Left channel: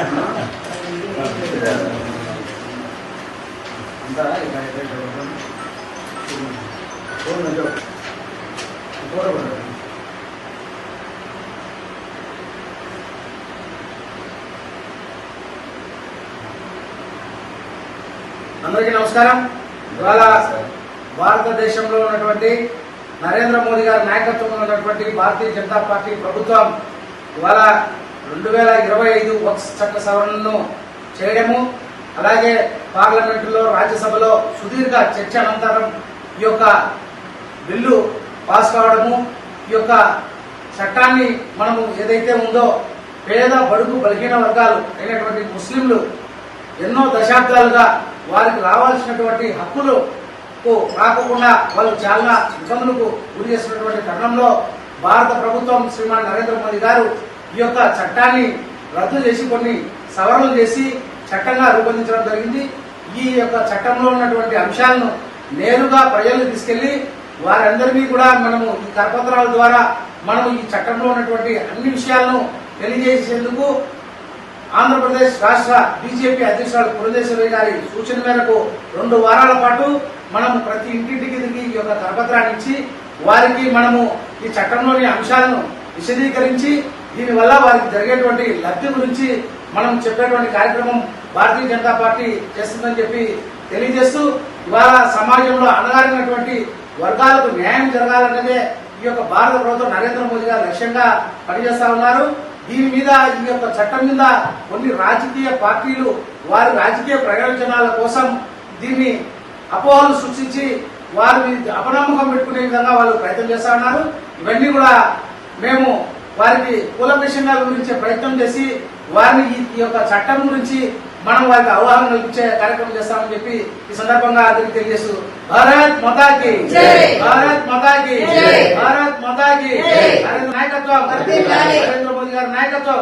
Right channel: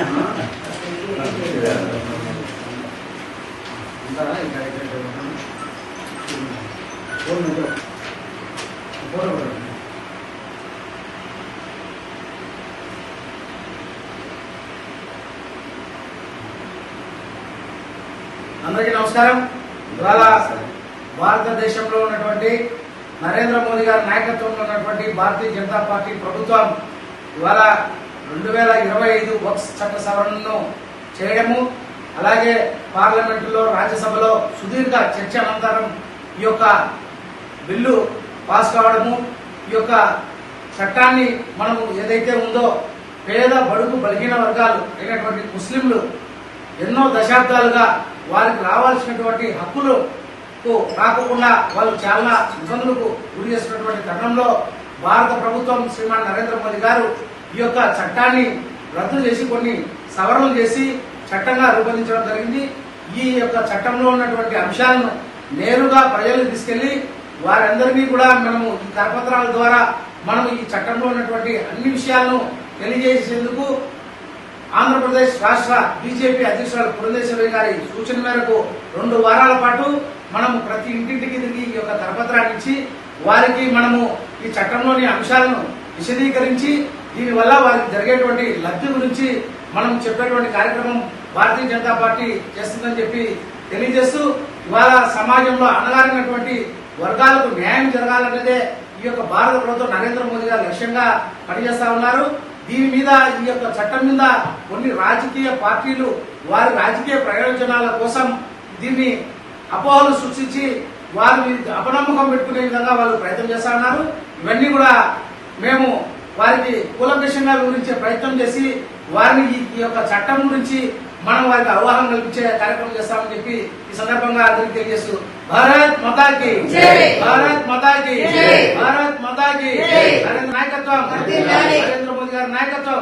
అందరికీ నమస్కారం. ఇవాళ భారతదేశంలో ఉన్నటువంటి నరేంద్ర మోదీ గారి నాయకత్వంలో ఉన్నటువంటి భారతీయ జనతా పార్టీ ప్రభుత్వం ఇవాళ 2025 వక్ఫ్ చట్ట సవరణను చేయడము, అలాగే పార్లమెంటులో రాజ్యసభలో సుదీర్ఘ చర్చ అనంతరం ఈ యొక్క బిల్లు పాస్ కావడము, ఈ యొక్క చట్టాన్ని మనము ఏదైతే ఉందో పేద బడుగు బలహీన వర్గాలు అయినటువంటి ముస్లింలు ఎన్నో దశాబ్దాలుగా వారికి రావాల్సినటువంటి హక్కులు రాకుండా వాళ్ళు చాలా ఇబ్బందులకు గురి చేసినటువంటి తరుణంలో భారత ప్రభుత్వం శ్రీమాన్ నరేంద్ర మోదీ గారు ఈ యొక్క చట్టాన్ని రద్దు చేసి కొన్ని సవరణలు చేసి చట్టంగా రూపొందించడం జరిగింది. ఈ యొక్క చట్టంలో ఉన్నటువంటి అంశాలను నేరుగా ప్రజలకు తీసుకెళ్లి వారందరినీ కూడా మనము ఈ కరపత్రాల ద్వారా మనము ఈ చట్టంలో ఉన్నటువంటి అన్ని విషయాలను తెలియజేసేందుకు ఆంధ్రప్రదేశ్ రాష్ట్ర బీజేపీ అధ్యక్షురాలు పురంధేశ్వరి గారి సూచన మేరకు 2 వారాల పాటు మనము ప్రతి ఇంటింటికి తిరిగి ఈ యొక్క కరపత్రాన్ని ఇచ్చి వారికి మనము ఈ చట్టంలోని అంశాలను విశదీకరించి దీనివల్ల వారికి జరిగేటువంటి లబ్ధి గురించి మనం చెప్పేటువంటి కార్యక్రమం భారతీయ జనతా పార్టీ చేస్తుందని చెప్పి తెలియజేస్తూ ఇవాళ సమాజంలో అణగారినటువంటి వర్గాలకు న్యాయం జరగాలన్నదే ఈ యొక్క భారత ప్రభుత్వం నరేంద్ర మోదీ గారు లక్ష్యంగా పనిచేస్తా ఉన్నారు. దీని మీద ఈ యొక్క చట్టం మీద కొన్ని రాజకీయ పార్టీలు వారి రాజకీయ ప్రయోజనాల కోసం దీన్ని అపోహలు సృష్టించి వారు అపనమ్మకం పెట్టుకునే విధంగా వాళ్ళు ప్రయత్నం చేస్తా ఉన్నారు. ఇవన్నీ కూడా మేము వారికి కూలంకషంగా వివరించే ప్రయత్నం చేసి వారిని ఈ యొక్క చట్టం గురించి మనం వారికి అవగాహన కల్పించే కార్యక్రమం చేస్తామని చెప్పి ఈ సందర్భంగా అందరికీ తెలియజేస్తూ భారత్ మాతాకి భారత్ మాతాకి భారత్ మాతాకి నరేంద్ర నాయకత్వం నరేంద్ర మోదీ గారి నాయకత్వం